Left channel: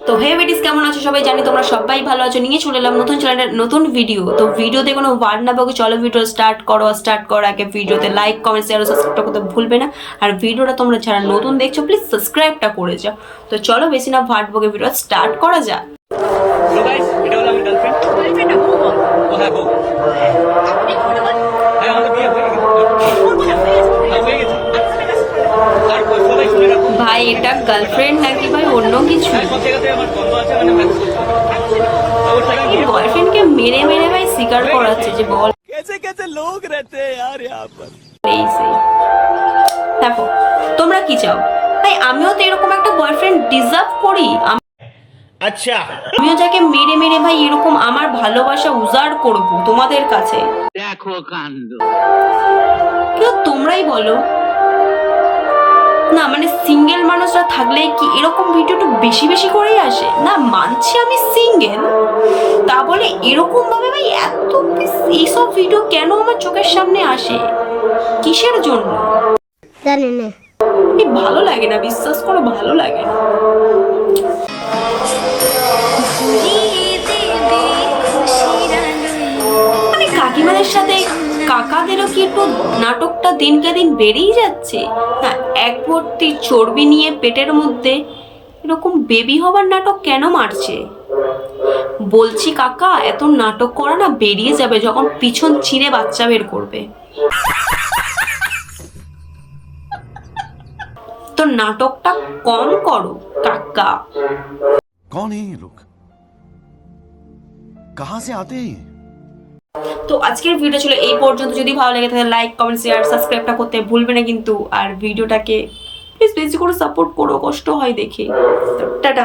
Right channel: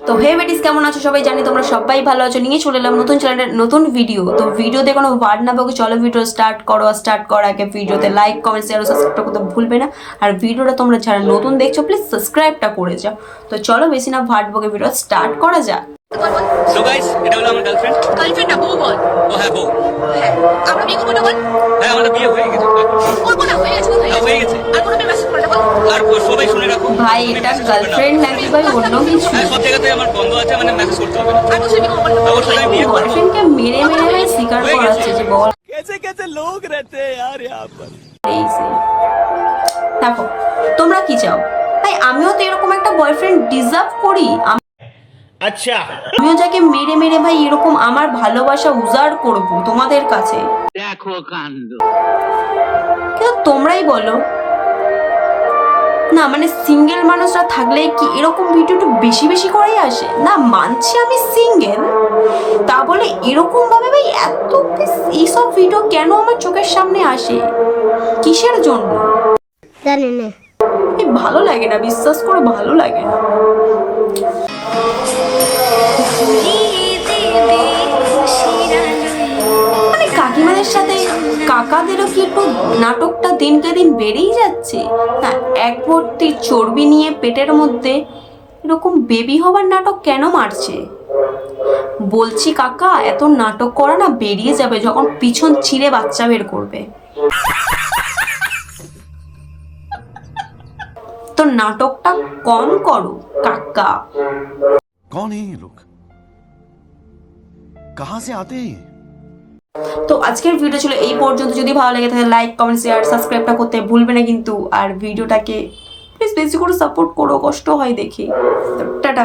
তো হে বেটিস, কেমন আছো সবাই? জানি তোমরা সবাই ভালো আছো। নিয়ে চলে এলাম নতুন চ্যানেলের নতুন ভিডিও। তো ভিডিওতে কোনো ওয়ার্ড না বকে চলো ভিডিও স্টার্ট করো। স্টার্ট করার আগে ভিডিওতে লাইক, কমেন্ট, শেয়ার ও সাবস্ক্রাইবটা করতে ভুলবে না। আর ভিডিওটা তোমরা যারা নতুন দেখছো প্লিজ সাবস্ক্রাইবটা করে যাও। তো চলো বেশি না ওয়ার্ড বকে ভিডিও স্টার্ট করা যাক। সো গাইস, এটা হলো আমার গার্লফ্রেন্ড। গার্লফ্রেন্ড না, বউ বল। ও হ্যাঁ, বউ। হ্যাঁ, আমরা বিয়ে করবো না বল। হ্যাঁ, আমাদের বিয়ে হয়ে গেছে। করবো না, হয়ে গেছে বল, হয়ে গেছে। আর কোনো মেয়ে মেসেজ করে না বল। আর সবাই শুনে রাখো ভাই এটা গার্লফ্রেন্ড নাকি ভাই অন্য কিছু? হ্যাঁ, সব জায়গাতে আমার বন্ধ আছে, মানে মেসেজ করতে হবে না। আর বছর বিয়ে করবো না। অবশ্যই আমি বিয়ে করবো। বয়ফ্রেন্ডকে মেরে মেরে ভাই স্বীকার করাচ্ছে যে বল कैसे कैसे लोग रहते हैं यार यहाँ पर। এই সেই। দেখো তোমরা কি চাও ভাই? আমিও তো এরকম একটা বয়ফ্রেন্ড ডিজার্ভ করি। अच्छा, আমিও যাকে মেরে মেরে ভাই এরকম আমার ভালোবাসা উজাড় করব তোমাদের কাছে। देखो कांड। কিন্তু তোমরাই বলো না, মানে সিঙ্গেল মানুষরা থাকলে কি এরকম ভিডিও একটু বেশি বেশি করেই আসে না? মানছি আমি সিঙ্গেল, তা বলে এরকম ভাবে ভাই এত এইসব ভিডিও কেন আমার চোখের সামনে আসে? কিসের জন্য জানি না। এই ভালো লাগে না, বিশ্বাস করো ভালো লাগে না। মানে কাকিমাদের সাথে কাকাদেরও কি একটু নাটকটা দিনকে দিন বেড়েই যাচ্ছে না? এক ভর্তি চর্বি নিয়ে পেটের মধ্যে এরকম বেবি হবার নাটক কেন মারছে? বলছি কাকা, এত নাটক করা না বেরিয়ে যাবে যখন পিছন ছিঁড়ে বাচ্চা বের করবে। তো নাটকটা কম করো কাকা। कौन है ये लोग? कहां से आते हैं ये? তো আজকের ভিডিও ছিল এই পর্যন্ত। যদি ভালো লাগে তাহলে লাইক, কমেন্ট, শেয়ার, সাবস্ক্রাইবটা করতে ভুলবে না কিন্তু। আর ভিডিওটাকে প্লিজ বেশি করে সাপোর্ট করো, কষ্ট হয় দেখে। তো টাটা।